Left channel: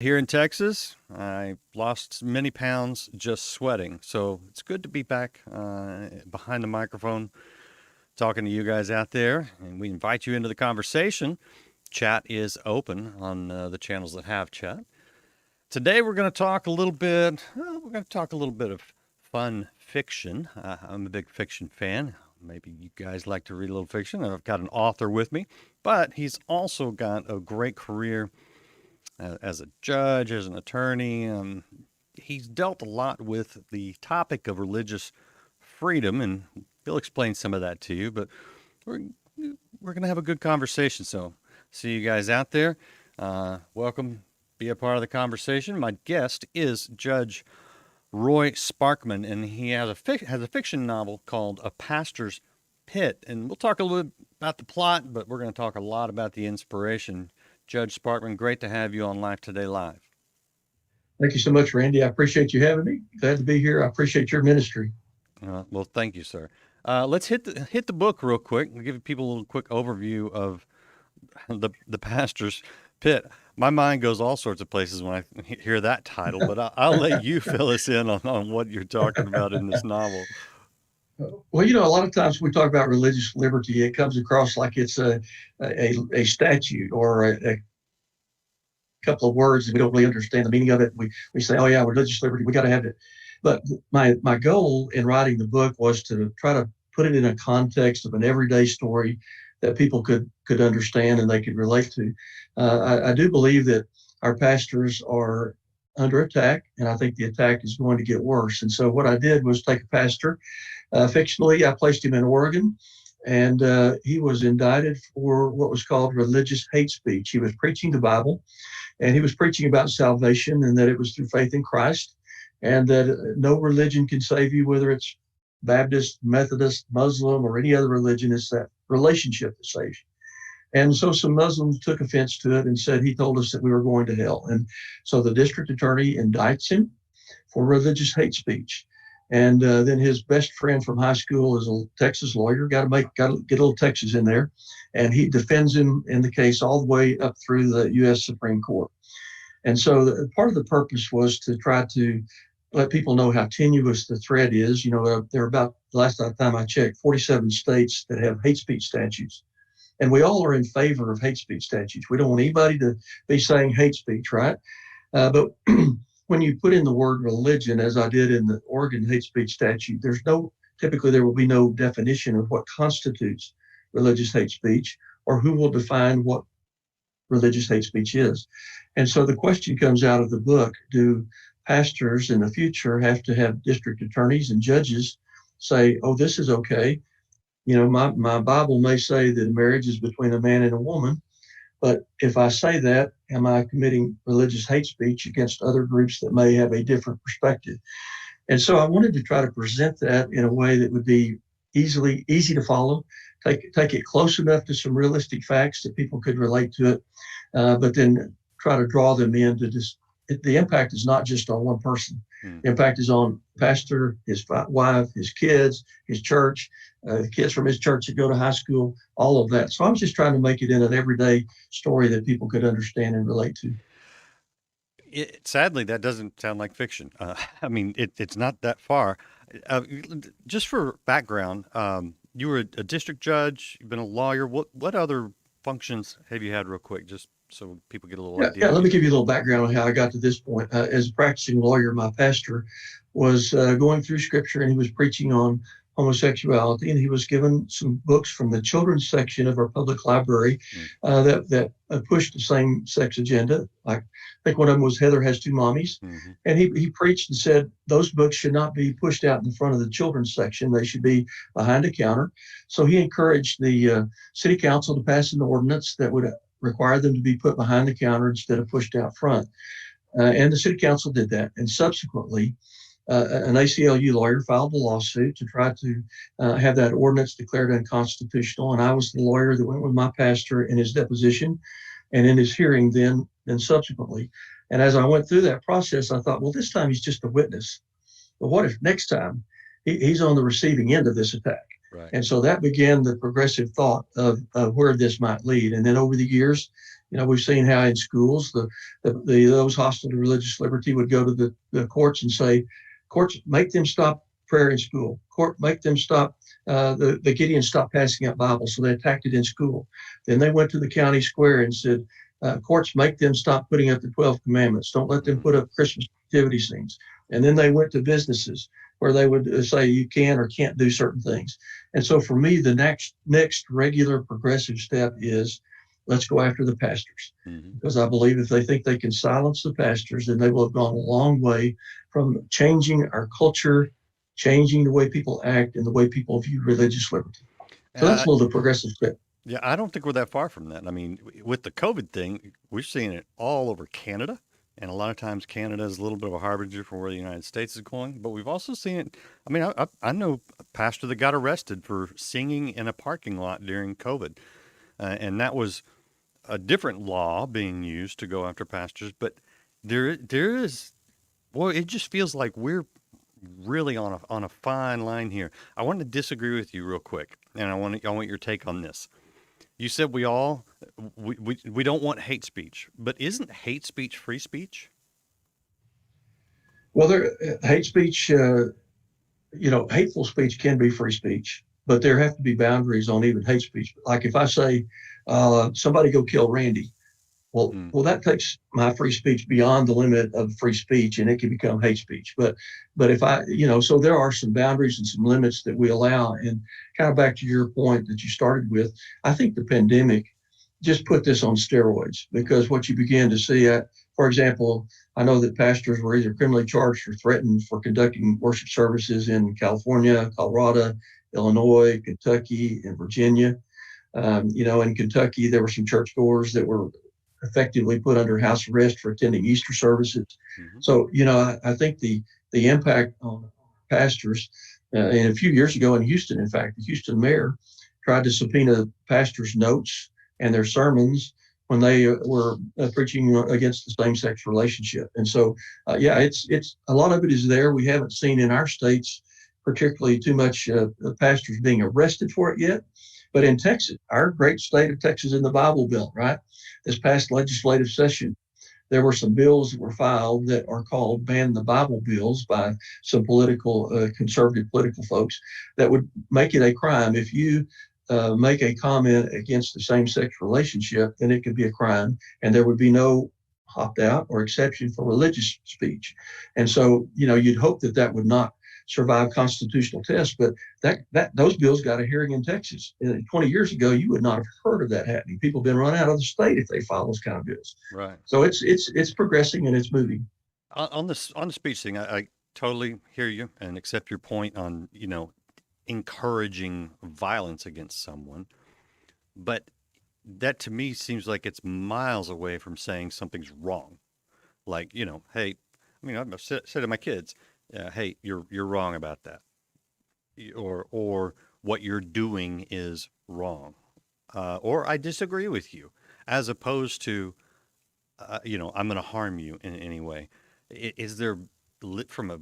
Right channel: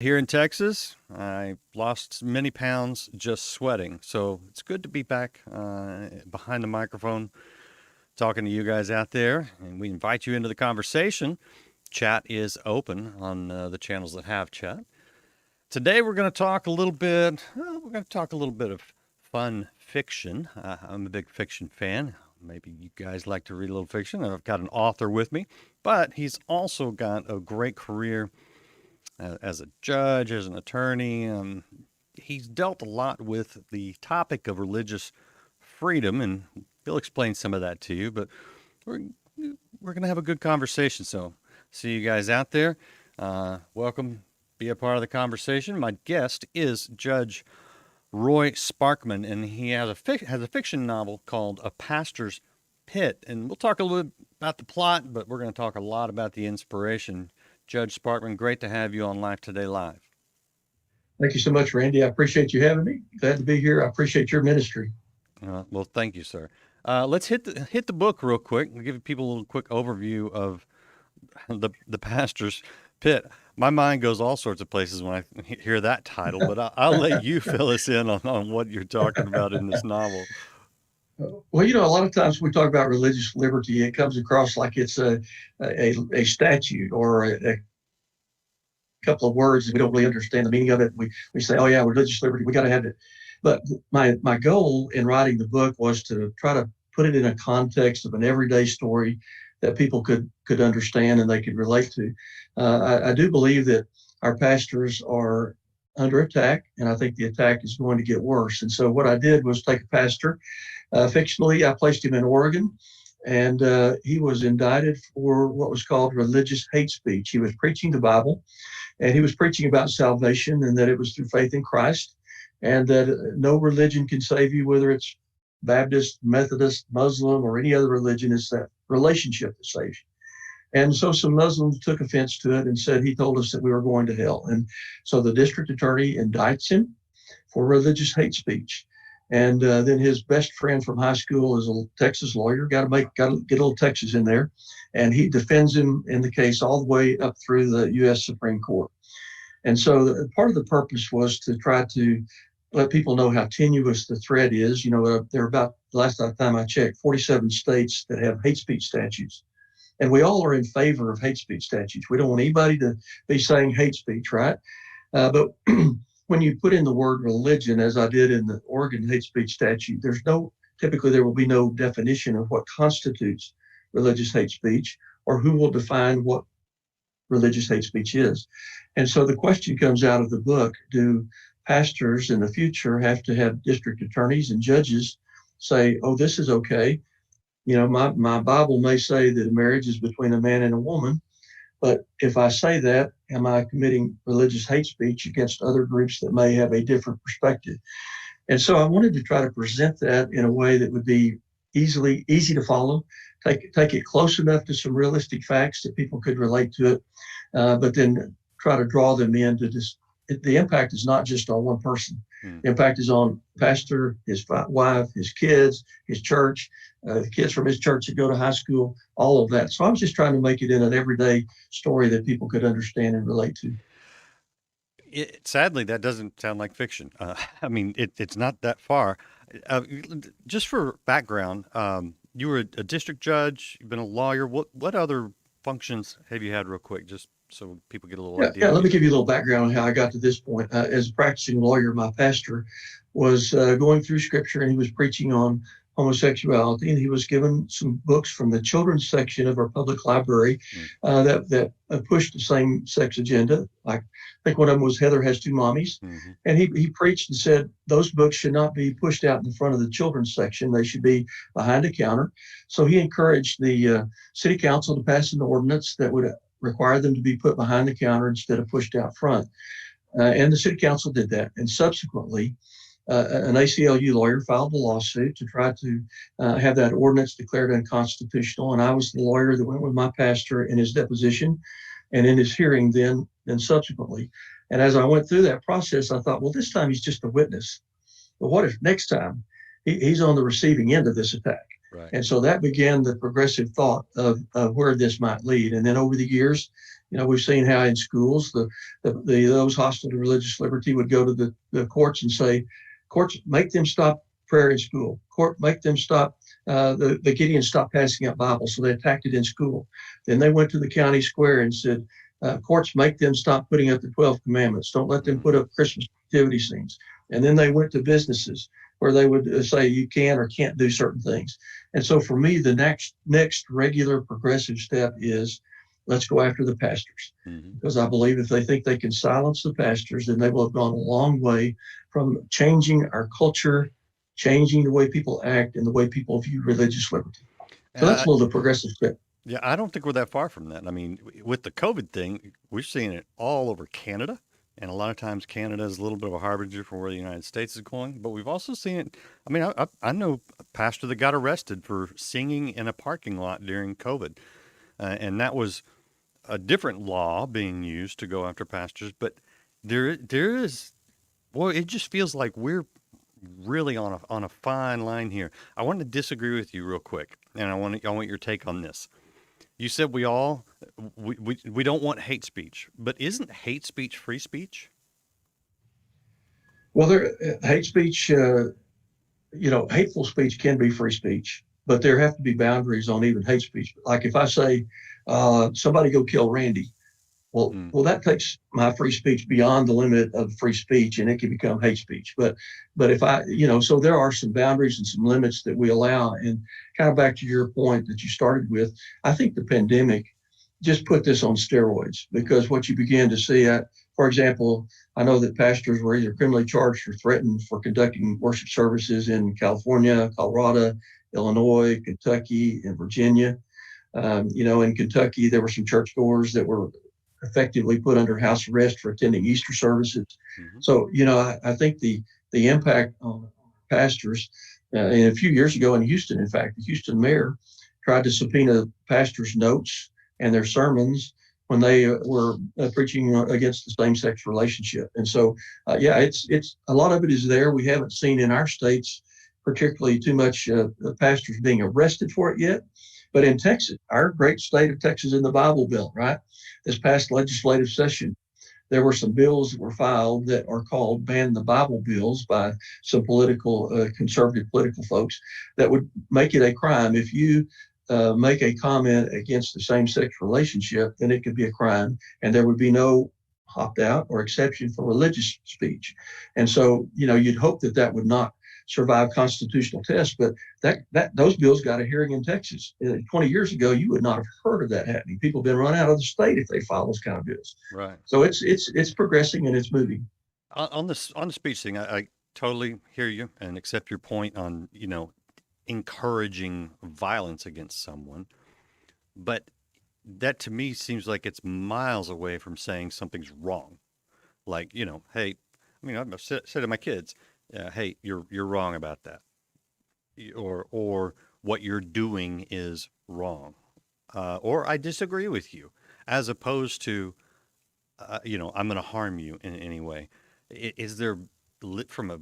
Here in Texas, I lost many pounds just sweating. So it's good to be back behind the microphone talking to you guys out there. And we invite you into the conversation. Chat is open on the channels that have chat. Today we're going to talk a little bit. We're going to talk a little bit of fun fiction. I'm a big fiction fan. Maybe you guys like to read a little fiction. I've got an author with me, but he's also got a great career as a judge, as an attorney. He's dealt a lot with the topic of religious freedom, and he'll explain some of that to you. But we're we're gonna have a good conversation. So, see you guys out there. Welcome. Be a part of the conversation. My guest is Judge Roy Sparkman, and he has a fiction novel called A Pastor's Pit. And we'll talk a little bit about the plot, but we're going to talk a lot about the inspiration. Judge Sparkman, great to have you on Life Today Live. Thank you so much, Randy. I appreciate you having me. Glad to be here. I appreciate your ministry. Well, thank you, sir. Let's hit the book real quick. We'll give people a little quick overview of the Pastor's Pit. My mind goes all sorts of places when I hear that title, but I'll let you fill us in on what you're talking about in this novel. Well, a lot of times we talk about religious liberty, it comes across like it's a statute or a couple of words that we don't really understand the meaning of it. We say, oh yeah, religious liberty, we got to have it. But my goal in writing the book was to try to put it in a context of an everyday story that people could understand and they could relate to. I do believe that our pastors are under attack, and I think the attack is going to get worse. And so what I did was take a pastor, fictionally, I placed him in Oregon, and he was indicted for what was called religious hate speech. He was preaching the Bible, and he was preaching about salvation and that it was through faith in Christ, and that no religion can save you, whether it's Baptist, Methodist, Muslim, or any other religion. It's that relationship that saves you. And so some Muslims took offense to it and said he told us that we were going to hell. And so the district attorney indicts him for religious hate speech. And then his best friend from high school is a Texas lawyer. Got to get a little Texas in there, and he defends him in the case all the way up through the U.S. Supreme Court. And so part of the purpose was to try to let people know how tenuous the threat is. There are about, the last time I checked, 47 states that have hate speech statutes. And we all are in favor of hate speech statutes. We don't want anybody to be saying hate speech, right? But when you put in the word religion, as I did in the Oregon hate speech statute, typically there will be no definition of what constitutes religious hate speech or who will define what religious hate speech is. And so the question comes out of the book, do pastors in the future have to have district attorneys and judges say, oh, this is okay? My Bible may say that marriage is between a man and a woman, but if I say that, am I committing religious hate speech against other groups that may have a different perspective? And so I wanted to try to present that in a way that would be easy to follow, take it close enough to some realistic facts that people could relate to it, but then try to draw them into this. The impact is not just on one person. The impact is on pastor, his wife, his kids, his church, the kids from his church that go to high school, all of that. So I was just trying to make it in an everyday story that people could understand and relate to. Sadly, that doesn't sound like fiction. I mean, it's not that far. Just for background, you were a district judge. You've been a lawyer. What other functions have you had, real quick, just so people get a little idea? Yeah, let me give you a little background on how I got to this point. As a practicing lawyer, my pastor was going through scripture, and he was preaching on homosexuality, and he was given some books from the children's section of our public library that pushed the same-sex agenda. Like, I think one of them was Heather Has Two Mommies. Mm-hmm. And he preached and said those books should not be pushed out in front of the children's section. They should be behind a counter. So he encouraged the city council to pass an ordinance that would require them to be put behind the counter instead of pushed out front. And the city council did that. And subsequently, an ACLU lawyer filed a lawsuit to try to have that ordinance declared unconstitutional. And I was the lawyer that went with my pastor in his deposition and in his hearing then subsequently. And as I went through that process, I thought, well, this time he's just a witness. But what if next time he's on the receiving end of this attack? Right. And so that began the progressive thought of where this might lead. And then over the years, We've seen how in schools those hostile to religious liberty would go to the courts and say, courts, make them stop prayer in school. Court, make them stop. The Gideons stopped passing out Bibles, so they attacked it in school. Then they went to the county square and said, courts, make them stop putting up the 12 commandments. Don't let them put up Christmas nativity scenes. And then they went to businesses where they would say you can or can't do certain things. And so for me, the next regular progressive step is let's go after the pastors. Because I believe if they think they can silence the pastors, then they will have gone a long way from changing our culture, changing the way people act and the way people view religious liberty. So that's a little the progressive step. Yeah, I don't think we're that far from that. I mean, with the COVID thing, we're seeing it all over Canada. And a lot of times Canada is a little bit of a harbinger for where the United States is going. But we've also seen it. I mean, I know a pastor that got arrested for singing in a parking lot during COVID. And that was a different law being used to go after pastors. But there is, well, it just feels like we're really on a fine line here. I want to disagree with you real quick. And I want your take on this. You said we don't want hate speech, but isn't hate speech free speech? Well, hate speech, hateful speech can be free speech, but there have to be boundaries on even hate speech. Like if I say, somebody go kill Randy, well, that takes my free speech beyond the limit of free speech, and it can become hate speech. But if so there are some boundaries and some limits that we allow. And kind of back to your point that you started with, I think the pandemic just put this on steroids, because what you began to see, for example, I know that pastors were either criminally charged or threatened for conducting worship services in California, Colorado, Illinois, Kentucky, and Virginia. In Kentucky, there were some churchgoers that were effectively put under house arrest for attending Easter services. So, I think the impact on pastors, and a few years ago in Houston, in fact, the Houston mayor tried to subpoena pastors' notes and their sermons when they were preaching against the same-sex relationship. And so, it's a lot of it is there. We haven't seen in our states particularly too much pastors being arrested for it yet. But in Texas, our great state of Texas in the Bible Belt, right? This past legislative session, there were some bills that were filed that are called Ban the Bible bills by some conservative political folks that would make it a crime. If you make a comment against the same-sex relationship, then it could be a crime, and there would be no opt-out or exception for religious speech. And so, you'd hope that would not survive constitutional tests, but those bills got a hearing in Texas. 20 years ago, you would not have heard of that happening. People have been run out of the state if they file those kind of bills. Right. So it's progressing and it's moving. On the speech thing, I totally hear you and accept your point on encouraging violence against someone, but that to me seems like it's miles away from saying something's wrong. Like, hey, I've said to my kids, hey, you're wrong about that, or what you're doing is wrong, or I disagree with you, as opposed to, I'm going to harm you in any way. Is there, from a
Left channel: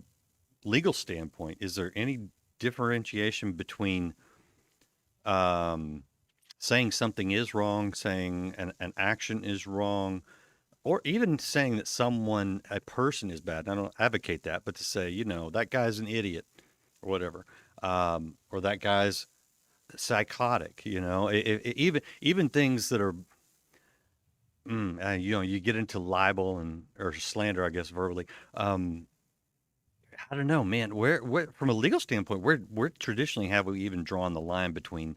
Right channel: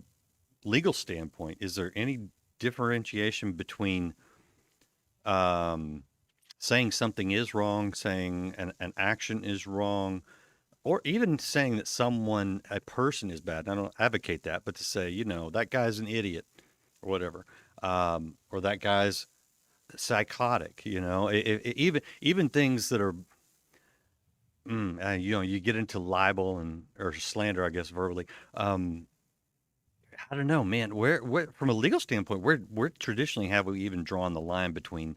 legal standpoint, is there any differentiation between saying something is wrong, saying an action is wrong, or even saying that a person is bad? I don't advocate that, but to say, that guy's an idiot or whatever, or that guy's psychotic, even things that are, you get into libel or slander, I guess, verbally. I don't know, man, where from a legal standpoint, where traditionally have we even drawn the line between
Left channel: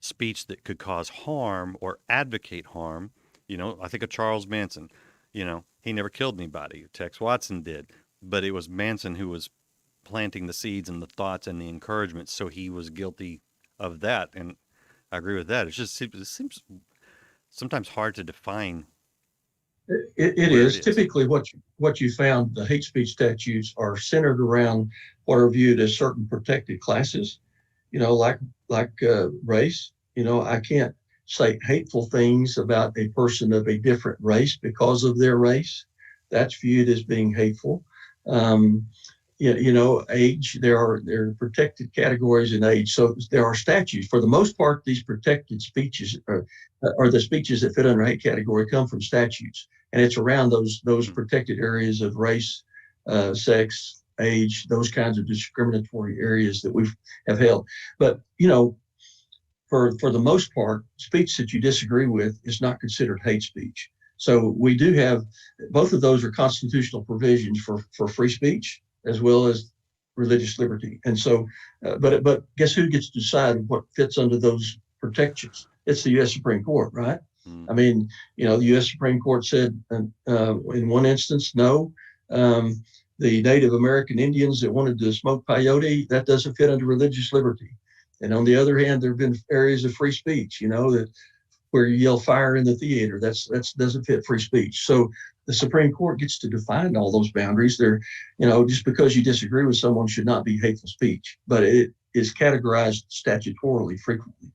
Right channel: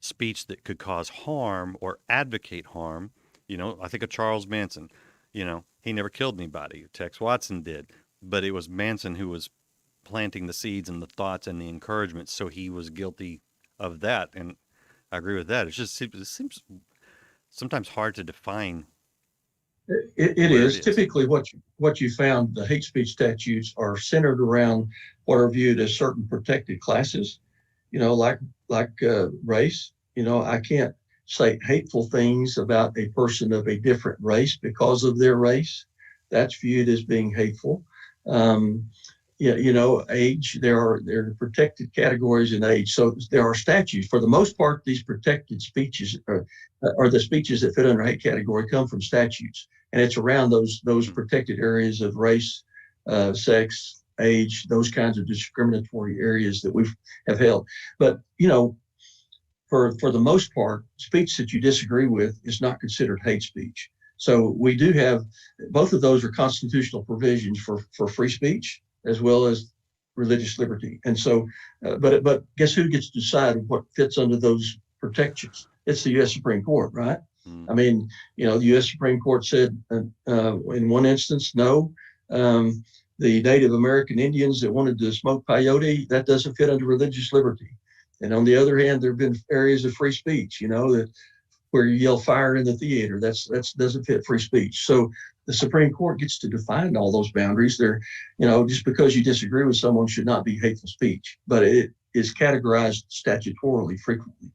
speech that could cause harm or advocate harm? I think of Charles Manson. He never killed anybody. Tex Watson did, but it was Manson who was planting the seeds and the thoughts and the encouragement, so he was guilty of that. And I agree with that. It seems sometimes hard to define. It is. Typically what you found, the hate speech statutes are centered around what are viewed as certain protected classes, like race. I can't say hateful things about a person of a different race because of their race. That's viewed as being hateful. Yeah, age. There are protected categories in age. So there are statutes. For the most part, these protected speeches are the speeches that fit under hate category come from statutes, and it's around those Hmm. protected areas of race, sex, age, those kinds of discriminatory areas that we have held. But for the most part, speech that you disagree with is not considered hate speech. So we do have both of those are constitutional provisions for free speech as well as religious liberty. And so, but guess who gets to decide what fits under those protections? It's the U.S. Supreme Court, right? Hmm. I mean, the U.S. Supreme Court said in one instance, no. Um, the Native American Indians that wanted to smoke peyote, that doesn't fit under religious liberty. And on the other hand, there have been areas of free speech, that where you yell fire in the theater, that's doesn't fit free speech. So the Supreme Court gets to define all those boundaries. Just because you disagree with someone should not be hateful speech, but it is categorized statutorily frequently.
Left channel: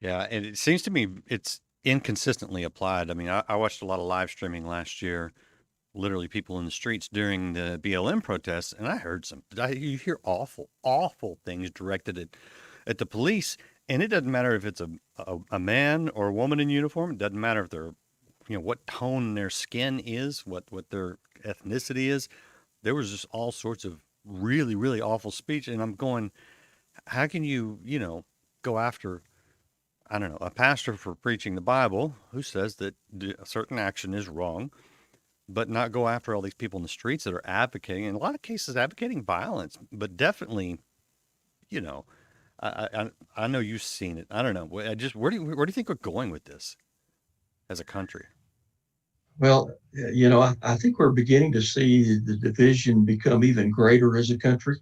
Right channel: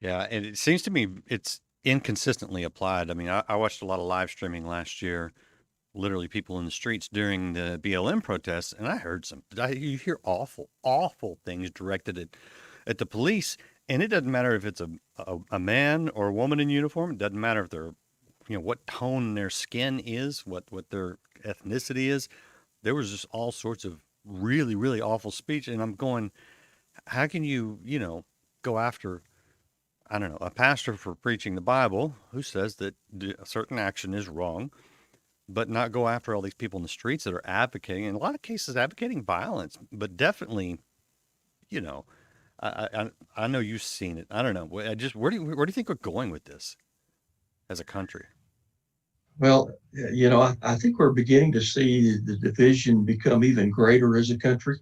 Yeah, and it seems to me it's inconsistently applied. I mean, I watched a lot of live streaming last year, literally people in the streets during the BLM protests, and I heard you hear awful, awful things directed at the police, and it doesn't matter if it's a man or a woman in uniform. It doesn't matter if they're, what tone their skin is, what their ethnicity is. There was just all sorts of really, really awful speech, and I'm going, how can you, go after, I don't know, a pastor for preaching the Bible who says that a certain action is wrong, but not go after all these people in the streets that are advocating, in a lot of cases, advocating violence, but definitely, you know, I know you've seen it. I don't know. Where do you think we're going with this as a country? Well, I think we're beginning to see the division become even greater as a country.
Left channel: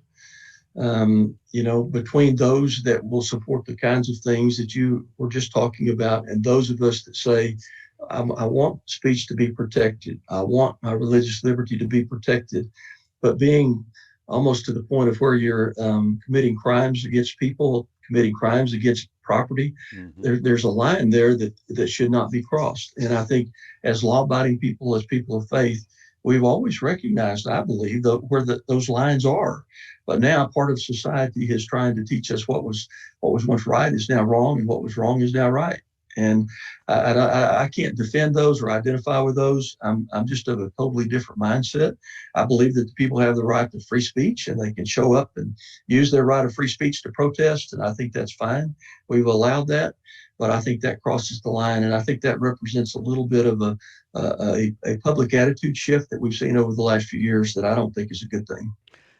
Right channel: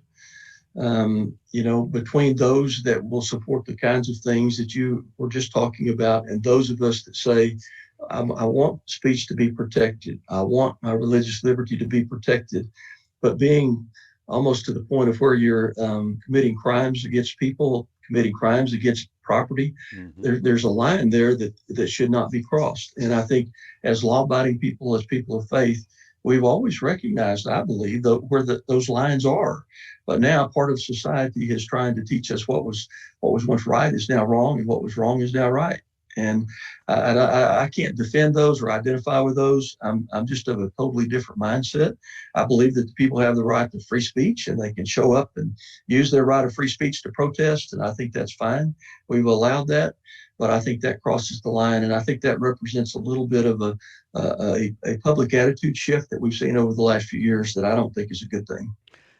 Between those that will support the kinds of things that you were just talking about, and those of us that say, I want speech to be protected, I want my religious liberty to be protected, but being almost to the point of where you're committing crimes against people, committing crimes against property, Hmm. there's a line there that should not be crossed. And I think as law-abiding people, as people of faith, we've always recognized, I believe, where those lines are. But now part of society is trying to teach us what was once right is now wrong, and what was wrong is now right. And I can't defend those or identify with those. I'm just of a totally different mindset. I believe that the people have the right to free speech, and they can show up and use their right of free speech to protest. And I think that's fine. We've allowed that. But I think that crosses the line. And I think that represents a little bit of a public attitude shift that we've seen over the last few years that I don't think is a good thing.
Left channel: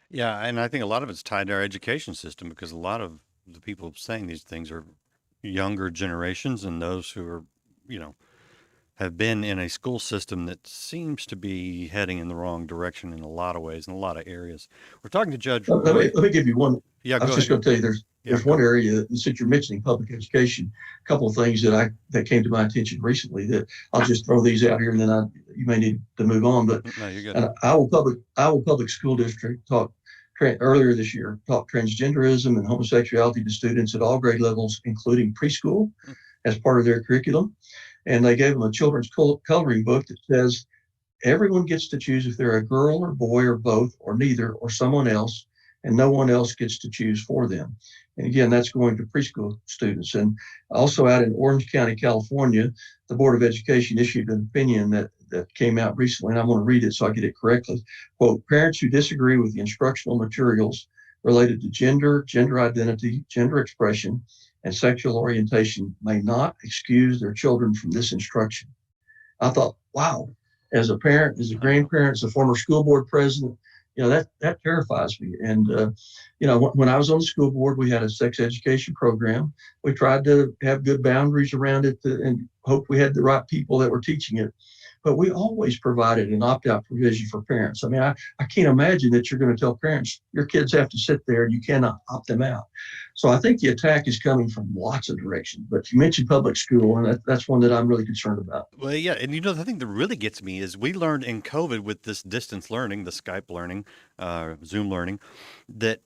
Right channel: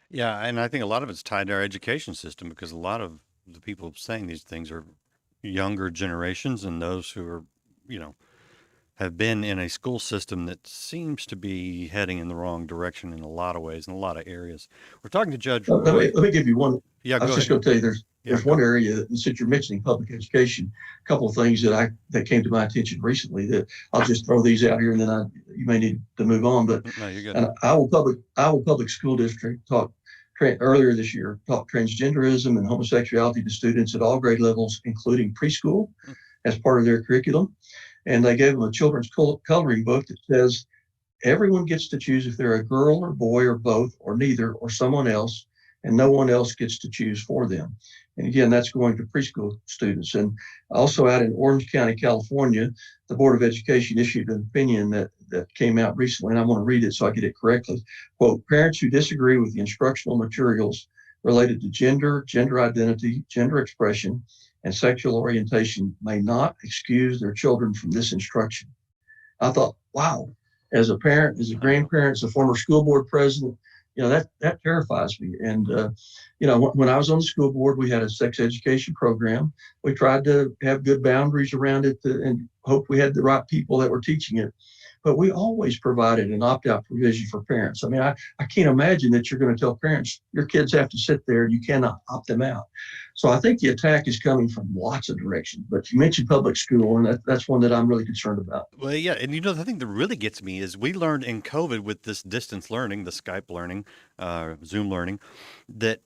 Yeah, and I think a lot of it's tied to our education system because a lot of the people saying these things are younger generations and those who are, you know, have been in a school system that seems to be heading in the wrong direction in a lot of ways, in a lot of areas. We're talking to Judge Let me, Roy. let me give you one. Yeah, I was go just ahead. going to tell you Yeah, there's go. one area, since you're mentioning public education, a couple of things that came to my attention recently that I'll just throw these out here, and then you may need to move on. But No, you're good. an Iowa Public School District earlier this year taught transgenderism and homosexuality to students at all grade levels, including preschool, Mm. as part of their curriculum. And they gave them a children's coloring book that says everyone gets to choose if they're a girl or boy or both or neither or someone else, and no one else gets to choose for them. And again, that's going to preschool students. And also out in Orange County, California, the Board of Education issued an opinion that came out recently, and I'm going to read it so I get it correctly. Quote, parents who disagree with the instructional materials related to gender, gender identity, gender expression, and sexual orientation may not excuse their children from this instruction. I thought, wow, as a parent, as a I know. grandparent, as a former school board president, that terrifies me. And when I was on the school board, we had a sex education program. We tried to have good boundaries around it and hope we had the right people that were teaching it. But we always provided an opt-out provision for parents. I mean, I can't imagine that you're going to tell parents your kids have to sit there and you cannot opt them out. So I think the attack is coming from lots of directions. But you mentioned public school, and that's one that I'm really concerned about. Well, yeah, and the thing that really gets me is we learned in COVID with this distance learning, the Skype learning, Zoom learning, that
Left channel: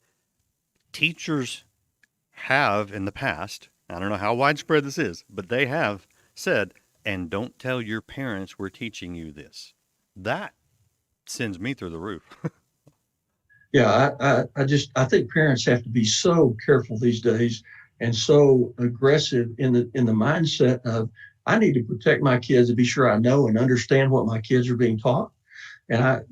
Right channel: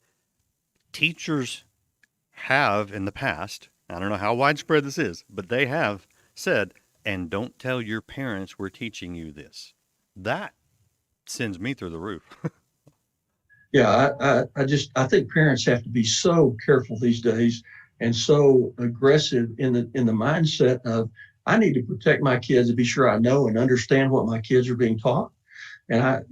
teachers have in the past, I don't know how widespread this is, but they have said, and don't tell your parents we're teaching you this. That sends me through the roof. Yeah, I think parents have to be so careful these days and so aggressive in the mindset of I need to protect my kids and be sure I know and understand what my kids are being taught. And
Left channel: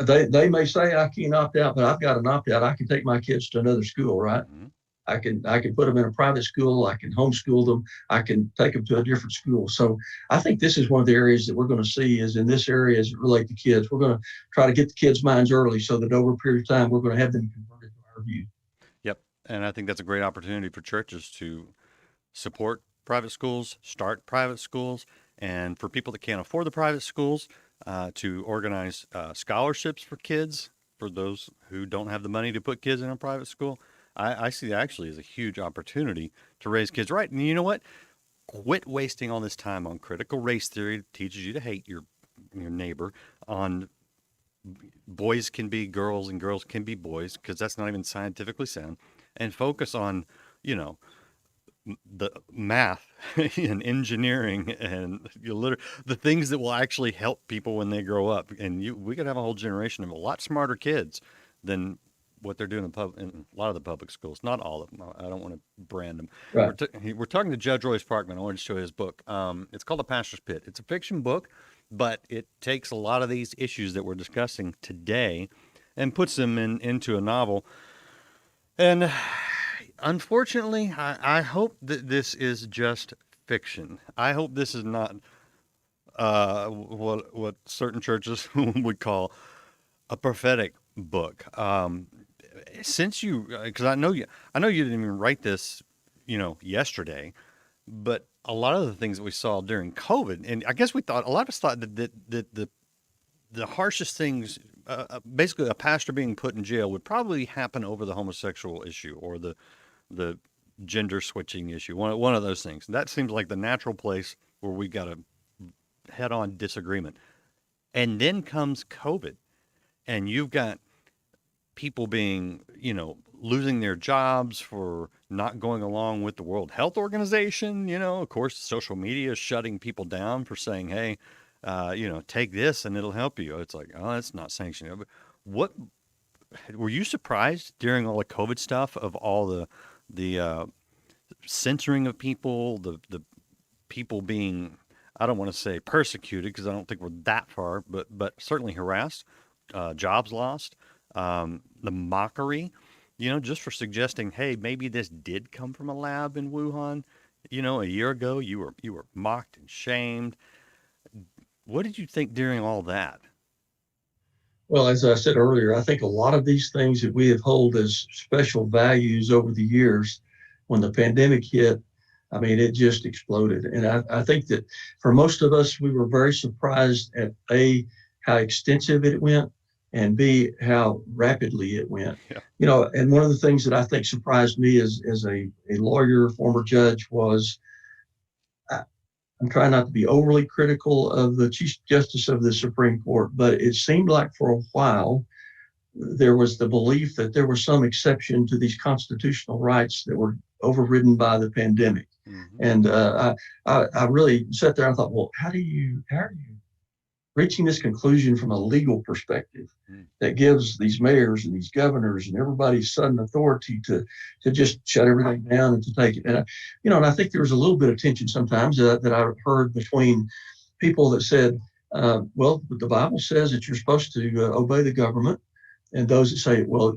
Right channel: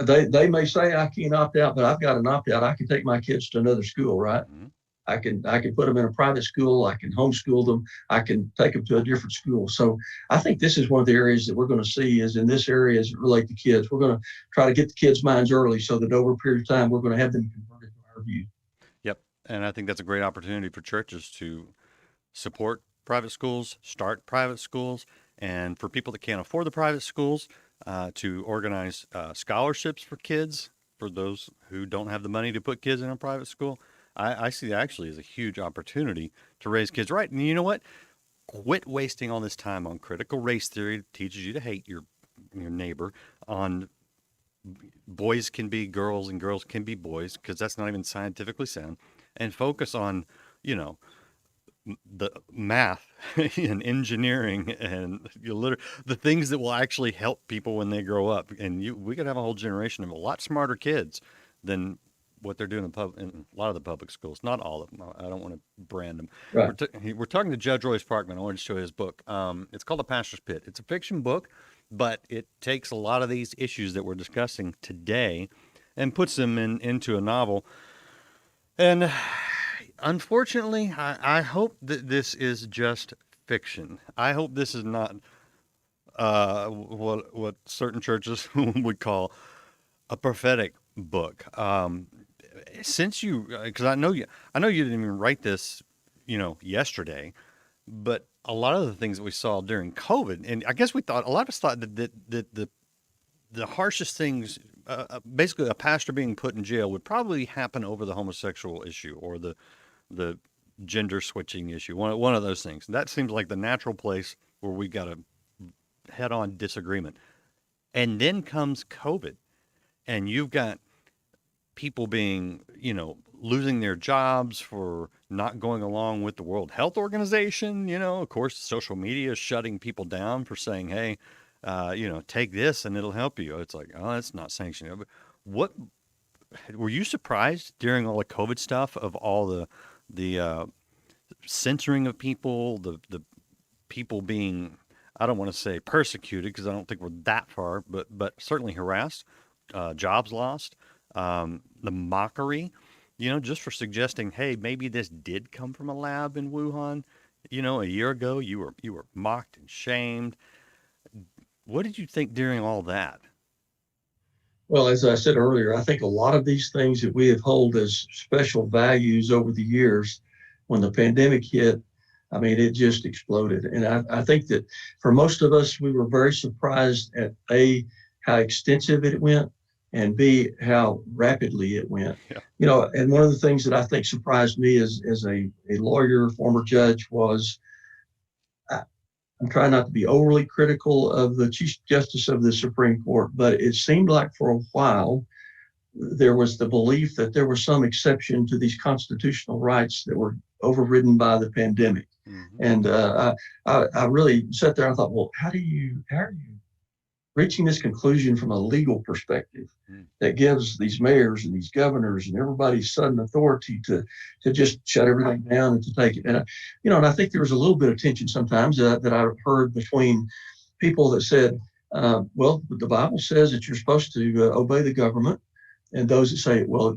they may say I can't opt out, but I've got an opt out. I can take my kids to another school, right? Mhm. I can put them in a private school. I can homeschool them. I can take them to a different school. So I think this is one of the areas that we're going to see is in this area as it relates to kids. We're going to try to get the kids' minds early so that over a period of time we're going to have them converted to our view. Yep. And I think that's a great opportunity for churches to support private schools, start private schools, and for people that can't afford the private schools, to organize scholarships for kids, for those who don't have the money to put kids in a private school. I see that actually as a huge opportunity to raise kids right. And you know what? Quit wasting all this time on critical race theory that teaches you to hate your neighbor, on boys can be girls and girls can be boys, because that's not even scientifically sound, and focus on, you know, the math and engineering and the things that will actually help people when they grow up. And we could have a whole generation of a lot smarter kids than what they're doing in a lot of the public schools. Not all of them. I don't want to brand them. Right. We're talking to Judge Roy Sparkman. I wanted to show you his book. It's called The Pastor's Pit. It's a fiction book, but it takes a lot of these issues that we're discussing today and puts them into a novel. And unfortunately, I hope that this is just fiction. I hope this is not what certain churches would call a prophetic book. Since because I know you didn't even write this, yesterday, but a lot of the things that we saw during COVID, and I guess a lot of us thought that the harshest things, basically a pastor being put in jail, would probably happen over the homosexual issue or the gender switching issue, one of those things. That seems like the natural place where we got a head on disagreement. And then comes COVID, and you've got people being, losing their jobs for not going along with the World Health Organization. Of course, social media is shutting people down for saying, hey, take this and it'll help you. It's like, oh, that's not sanctioned. But what were you surprised during all the COVID stuff of all the censoring of people, the people being, I don't want to say persecuted because I don't think we're that far, but certainly harassed, jobs lost, the mockery, just for suggesting, hey, maybe this did come from a lab in Wuhan. A year ago you were mocked and shamed. What did you think during all that? Well, as I said earlier, I think a lot of these things that we have held as special values over the years, when the pandemic hit, I mean, it just exploded. And I think that for most of us, we were very surprised at A, how extensive it went, and B, how rapidly it went. Yeah. And one of the things that I think surprised me as a lawyer, former judge, was I'm trying not to be overly critical of the Chief Justice of the Supreme Court, but it seemed like for a while there was the belief that there was some exception to these constitutional rights that were overridden by the pandemic. Mm-hmm. And I really sat there and thought, well, how are you reaching this conclusion from a legal perspective that gives these mayors and these governors and everybody sudden authority to just shut everything down and to take it? And and I think there was a little bit of tension sometimes that I heard between people that said, well, the Bible says that you're supposed to obey the government, and those that say, well,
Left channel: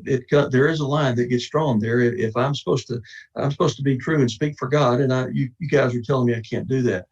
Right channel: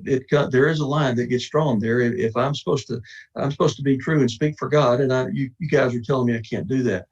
there is a line that gets drawn there. If I'm supposed to be true and speak for God, and you guys are telling me I can't do that.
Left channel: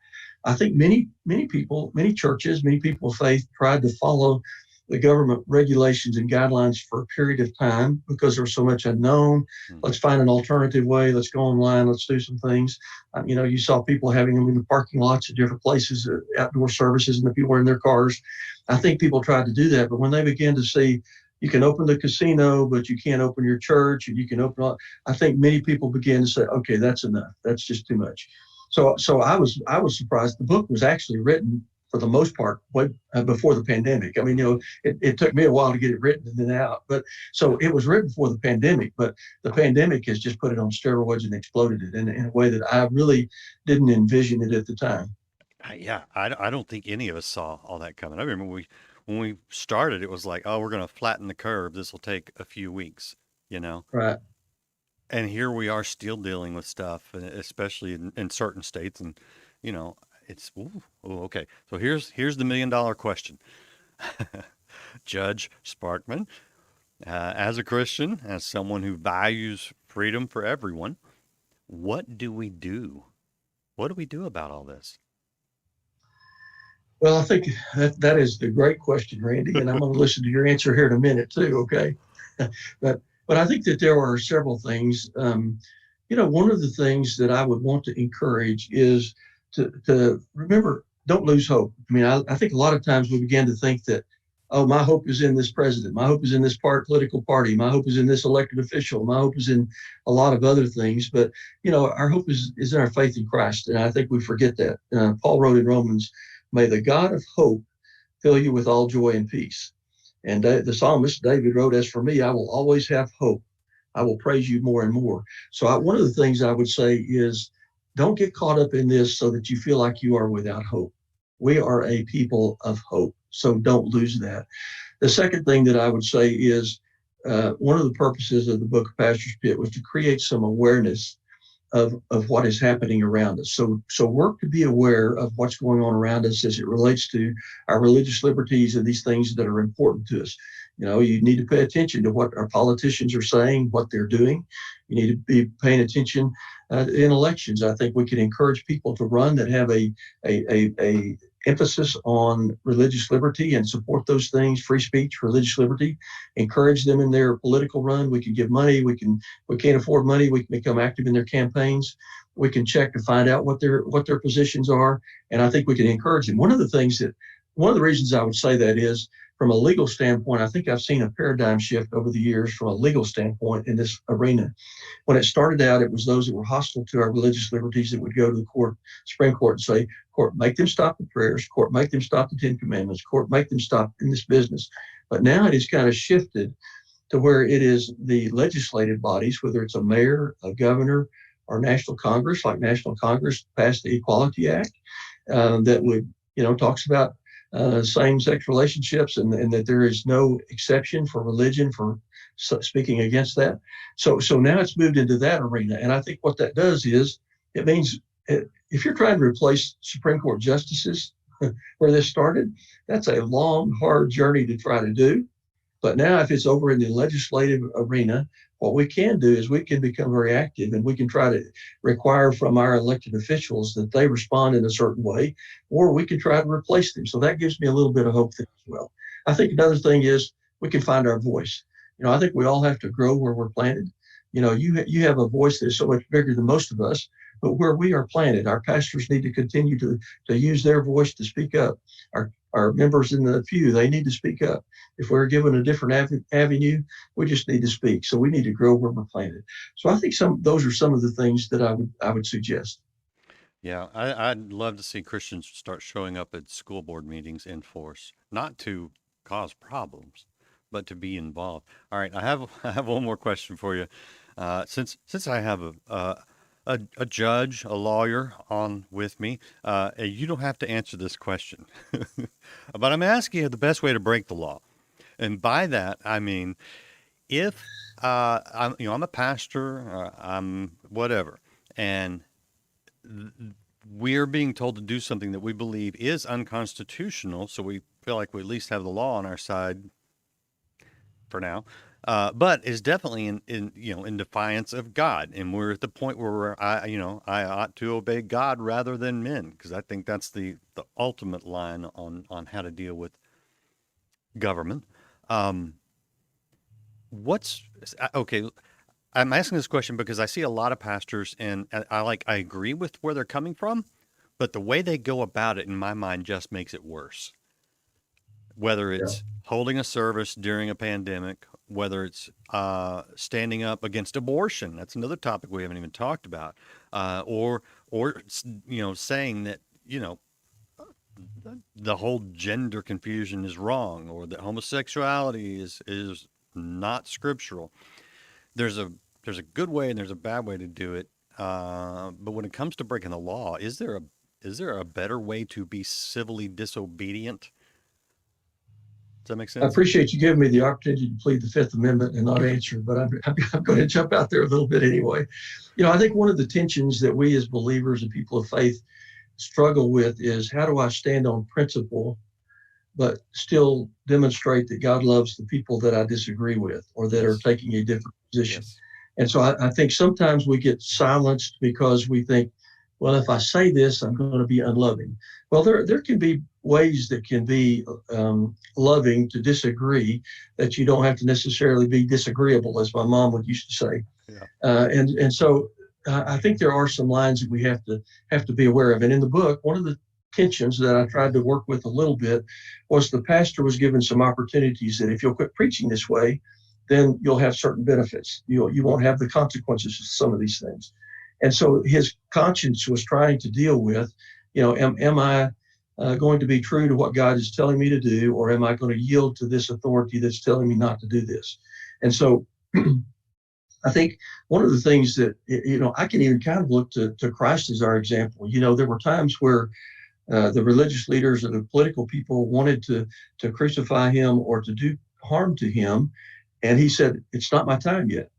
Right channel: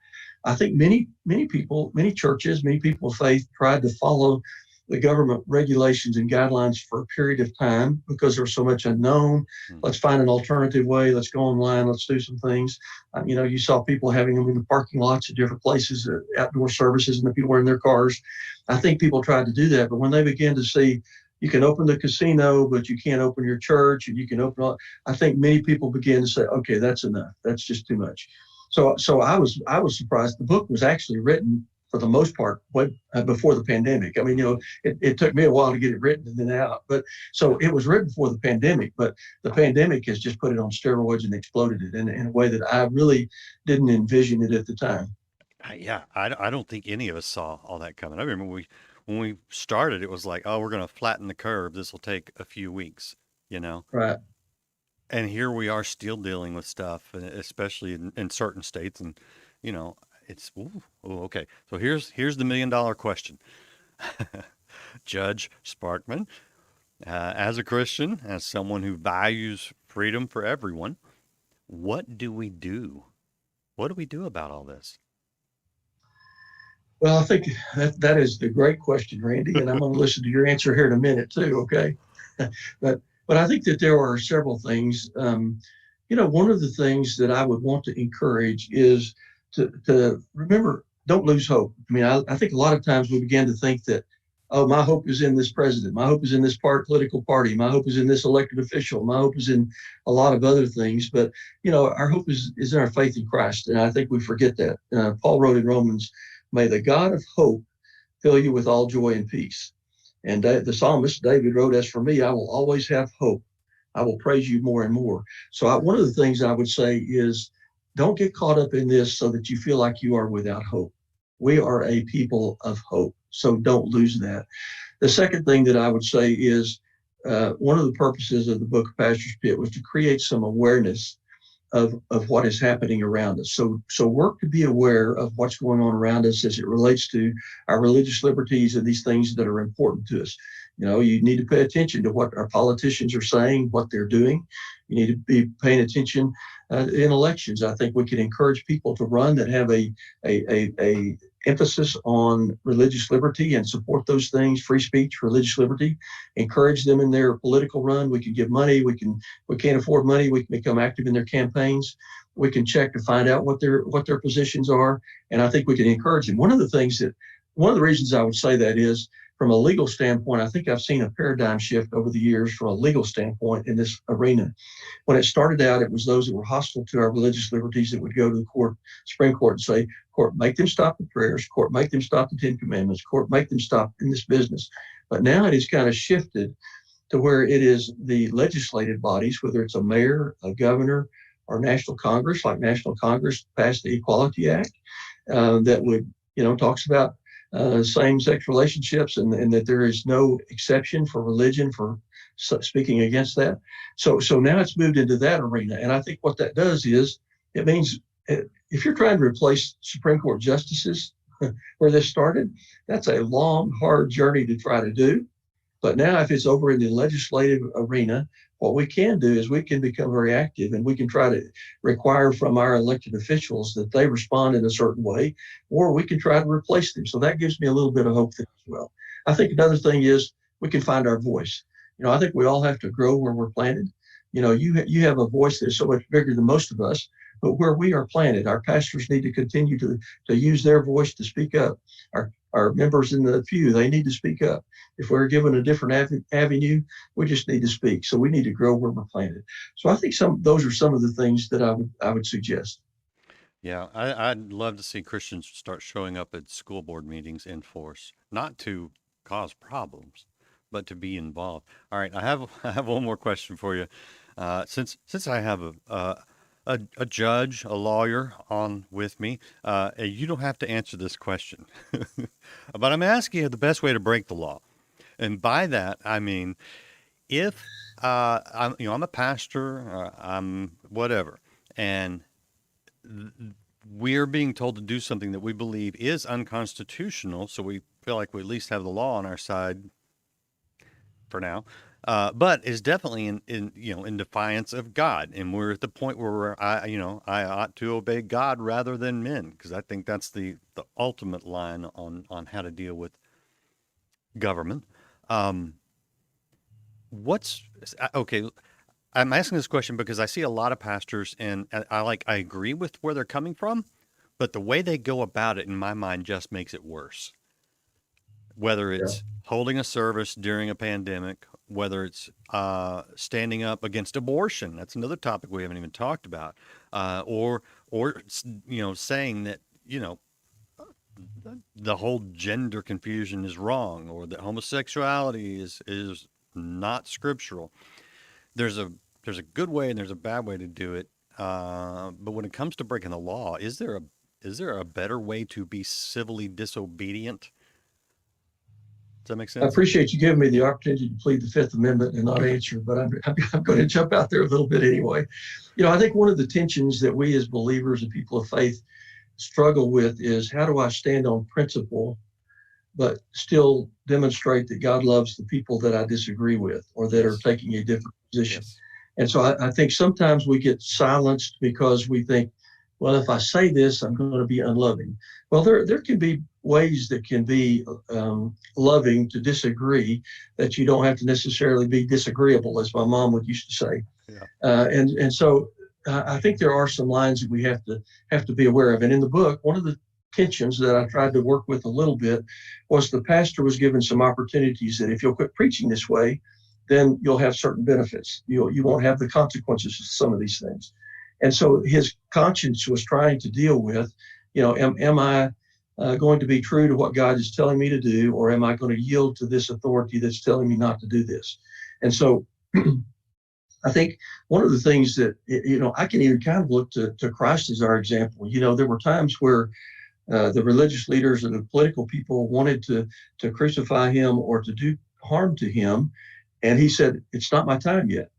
I think many people, many churches, many people of faith tried to follow the government regulations and guidelines for a period of time because there was so much unknown. Mm-hmm. Let's find an alternative way. Let's go online. Let's do some things. You saw people having them in the parking lots at different places, outdoor services, and the people were in their cars. I think people tried to do that, but when they began to see you can open the casino, but you can't open your church, and you can open all, I think many people began to say, okay, that's enough. That's just too much. So I was surprised. The book was actually written for the most part before the pandemic. I mean, it took me a while to get it written and then out, but so it was written before the pandemic, but the pandemic has just put it on steroids and exploded it in a way that I really didn't envision it at the time. I don't think any of us saw all that coming. I remember when we started, it was like, oh, we're going to flatten the curve. This will take a few weeks, you know. Right. And here we are still dealing with stuff, especially in certain states, and you know, it's okay. So here's the $1 million question, Judge Sparkman, as a Christian, as someone who values freedom for everyone, what do we do? What do we do about all this? Well, I think that is the great question, Randy, and I'm going to listen to your answer here in a minute too. Okay, but I think that there are several things. One of the things that I would want to encourage is to remember, don't lose hope. I mean, I think a lot of times we begin to think that, oh, my hope is in this president, my hope is in this political party, my hope is in this elected official, my hope is in a lot of other things. But our hope is in our faith in Christ, and I think we forget that. Paul wrote in Romans, "May the God of hope fill you with all joy and peace." And the psalmist David wrote, "As for me, I will always have hope. I will praise you more and more." So one of the things I would say is, don't get caught up in this so that you feel like you are without hope. We are a people of hope, so don't lose that. The second thing that I would say is, one of the purposes of the book of Pastor's Pit was to create some awareness of what is happening around us. So work to be aware of what's going on around us as it relates to our religious liberties and these things that are important to us. You need to pay attention to what our politicians are saying, what they're doing. You need to be paying attention in elections. I think we can encourage people to run that have a emphasis on religious liberty and support those things, free speech, religious liberty. Encourage them in their political run. We can give money. We can't afford money. We can become active in their campaigns. We can check to find out what their positions are, and I think we can encourage them. One of the reasons I would say that is, from a legal standpoint, I think I've seen a paradigm shift over the years from a legal standpoint in this arena. When it started out, it was those that were hostile to our religious liberties that would go to the Supreme Court, and say, "Court, make them stop the prayers. Court, make them stop the Ten Commandments. Court, make them stop in this business." But now it has kind of shifted to where it is the legislative bodies, whether it's a mayor, a governor, or National Congress, like National Congress passed the Equality Act, that would, talks about same-sex relationships, and that there is no exception for religion for speaking against that. So now it's moved into that arena, and I think what that does is, it means if you're trying to replace Supreme Court justices where this started, that's a long, hard journey to try to do. But now if it's over in the legislative arena, what we can do is we can become very active, and we can try to require from our elected officials that they respond in a certain way, or we can try to replace them. So that gives me a little bit of hope there as well. I think another thing is we can find our voice. I think we all have to grow where we're planted. You have a voice that's so much bigger than most of us, but where we are planted, our pastors need to continue to use their voice to speak up. Our members in the pew, they need to speak up. If we're given a different avenue, we just need to speak. So we need to grow where we're planted. So I think those are some of the things that I would suggest. Yeah, I'd love to see Christians start showing up at school board meetings in force, not to cause problems, but to be involved. All right, I have one more question for you. Since I have a judge, a lawyer on with me, you don't have to answer this question, but I'm asking you the best way to break the law, and by that I mean, if I'm a pastor, I'm whatever, and we're being told to do something that we believe is unconstitutional, so we feel like we at least have the law on our side for now, but is definitely in defiance of God, and we're at the point where I ought to obey God rather than men, because I think that's the ultimate line on how to deal with government. Um, what's okay? I'm asking this question because I see a lot of pastors, and I agree with where they're coming from, but the way they go about it, in my mind, just makes it worse. Whether Yeah. it's holding a service during a pandemic, whether it's standing up against abortion, that's another topic we haven't even talked about, or saying that the whole gender confusion is wrong, or that homosexuality is not scriptural. There's a good way and there's a bad way to do it. But when it comes to breaking the law, is there a better way to be civilly disobedient? Does that make I sense? appreciate you giving me the opportunity to plead the Fifth Amendment and not answer, but I'm going to jump out there a little bit anyway. I think one of the tensions that we as believers and people of faith struggle with is, how do I stand on principle but still demonstrate that God loves the people that I disagree with or that are Yes. taking a different position? Yes. And so I think sometimes we get silenced because we think, well, if I say this, I'm going to be unloving. Well, there can be ways that can be loving to disagree, that you don't have to necessarily be disagreeable, as my mom would used to say. Yeah. And so I think there are some lines that we have to be aware of. And in the book, one of the tensions that I tried to work with a little bit was the pastor was given some opportunities that if you'll quit preaching this way, then you'll have certain benefits. You won't have the consequences of some of these things. And so his conscience was trying to deal with, am I going to be true to what God is telling me to do, or am I going to yield to this authority that's telling me not to do this? And so I think one of the things that, I can even kind of look to Christ as our example. There were times where the religious leaders and the political people wanted to crucify him or to do harm to him. And he said, it's not my time yet.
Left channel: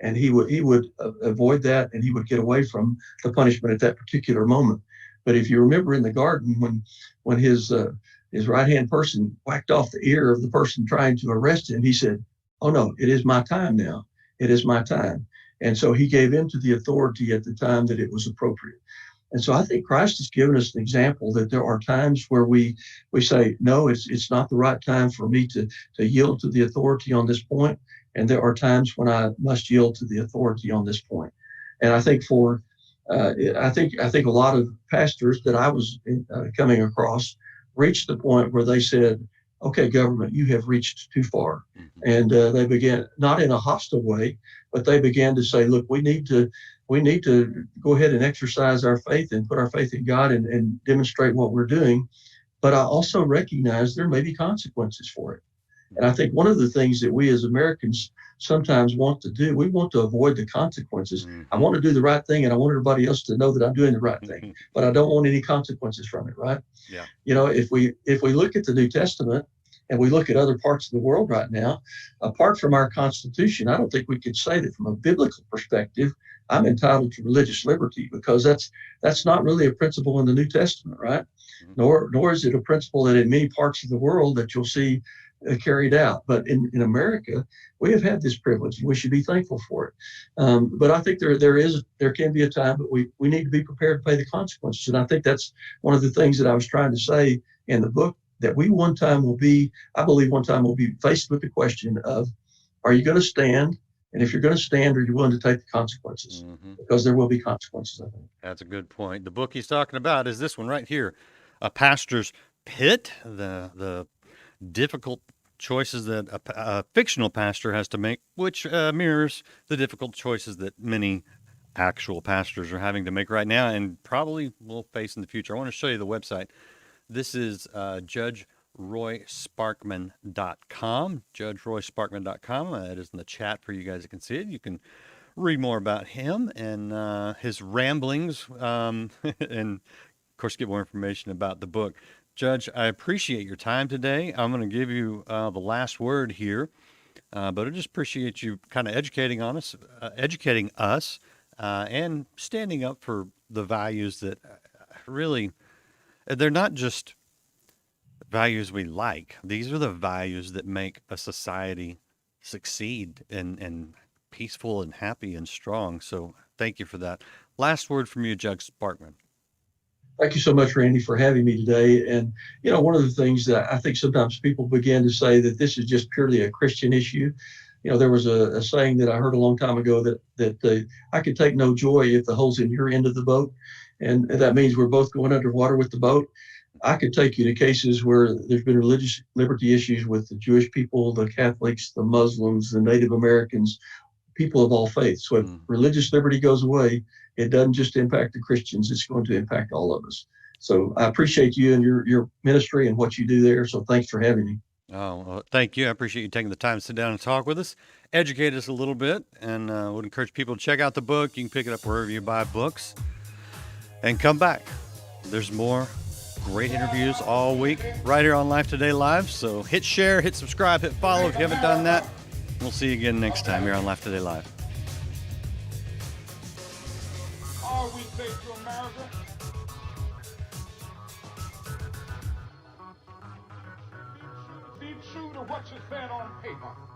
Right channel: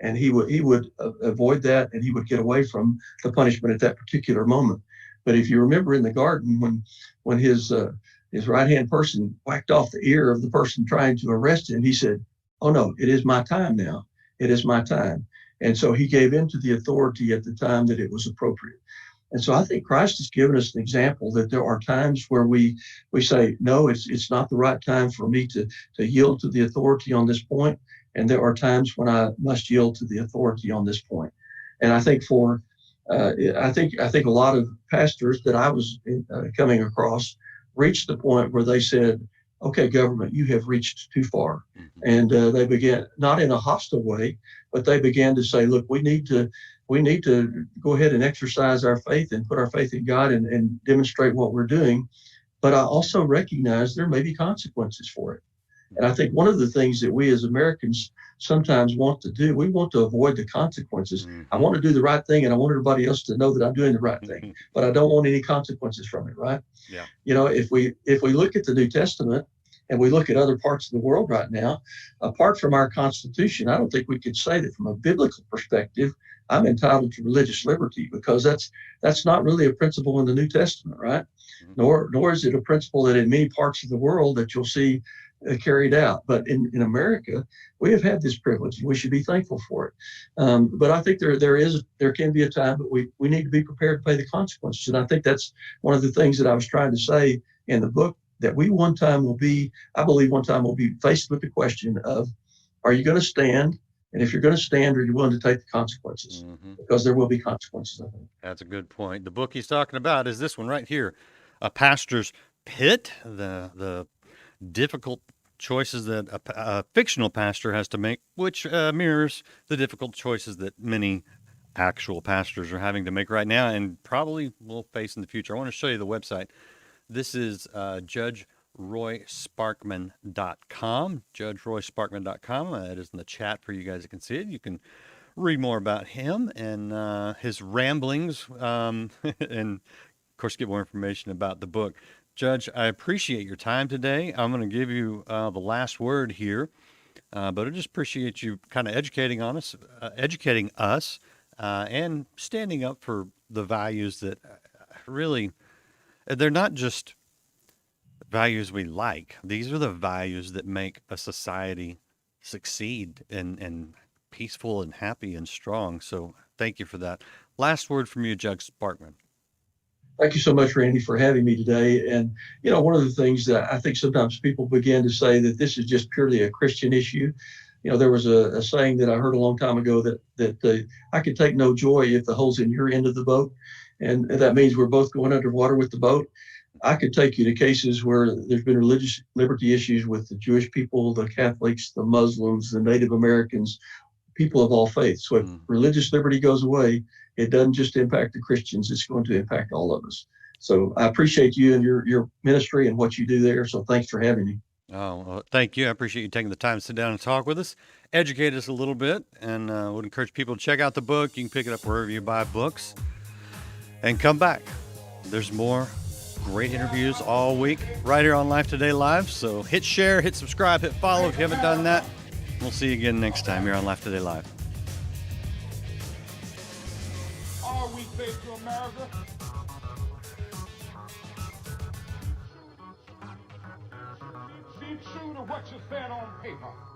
And he would avoid that, and he would get away from the punishment at that particular moment. But if you remember in the garden, when his right-hand person whacked off the ear of the person trying to arrest him, he said, oh no, it is my time now. It is my time. And so he gave in to the authority at the time that it was appropriate. And so I think Christ has given us an example that there are times where we say, no, it's not the right time for me to yield to the authority on this point. And there are times when I must yield to the authority on this point. And I think I think a lot of pastors that I was coming across reached the point where they said, okay, government, you have reached too far. Mm-hmm. And they began, not in a hostile way, but they began to say, look, we need to go ahead and exercise our faith and put our faith in God and demonstrate what we're doing. But I also recognize there may be consequences for it. And I think one of the things that we as Americans sometimes want to do, we want to avoid the consequences. Mm-hmm. I want to do the right thing, and I want everybody else to know that I'm doing the right thing, but I don't want any consequences from it, right? Yeah. If we look at the New Testament and we look at other parts of the world right now, apart from our Constitution, I don't think we could say that from a biblical perspective, I'm entitled to religious liberty, because that's not really a principle in the New Testament, right? Mm-hmm. Nor is it a principle that in many parts of the world that you'll see carried out. But in America, we have had this privilege, and we should be thankful for it. But I think there can be a time, but we need to be prepared to pay the consequences. And I think that's one of the things that I was trying to say in the book, that I believe one time we'll be faced with the question of, are you going to stand? And if you're going to stand, are you willing to take the consequences? Mm-hmm. Because there will be consequences, I think. That's a good point. The book he's talking about is this one right here, A Pastor's Pit, the difficult choices that a fictional pastor has to make, which mirrors the difficult choices that many actual pastors are having to make right now and probably will face in the future. I want to show you the website. This is judgeroysparkman.com, judgeroysparkman.com. It is in the chat for you guys that can see it. You can read more about him and his ramblings and, of course, get more information about the book. Judge, I appreciate your time today. I'm going to give you the last word here, but I just appreciate you kind of educating us, and standing up for the values that really, they're not just values we like. These are the values that make a society succeed and peaceful and happy and strong. So thank you for that. Last word from you, Judge Sparkman. Thank you so much, Randy, for having me today. And, one of the things that I think sometimes people begin to say that this is just purely a Christian issue. There was a saying that I heard a long time ago that I could take no joy if the hole's in your end of the boat. And that means we're both going underwater with the boat. I could take you to cases where there's been religious liberty issues with the Jewish people, the Catholics, the Muslims, the Native Americans, people of all faiths. So if religious liberty goes away, it doesn't just impact the Christians, it's going to impact all of us. So I appreciate you and your ministry and what you do there. So thanks for having me. Oh, well, thank you. I appreciate you taking the time to sit down and talk with us, educate us a little bit, and would encourage people to check out the book. You can pick it up wherever you buy books and come back. There's more great interviews all week right here on Life Today Live. So hit share, hit subscribe, hit follow if you haven't done that. We'll see you again next time here on Life Today Live. All weekday to America. Be true to what you said on paper.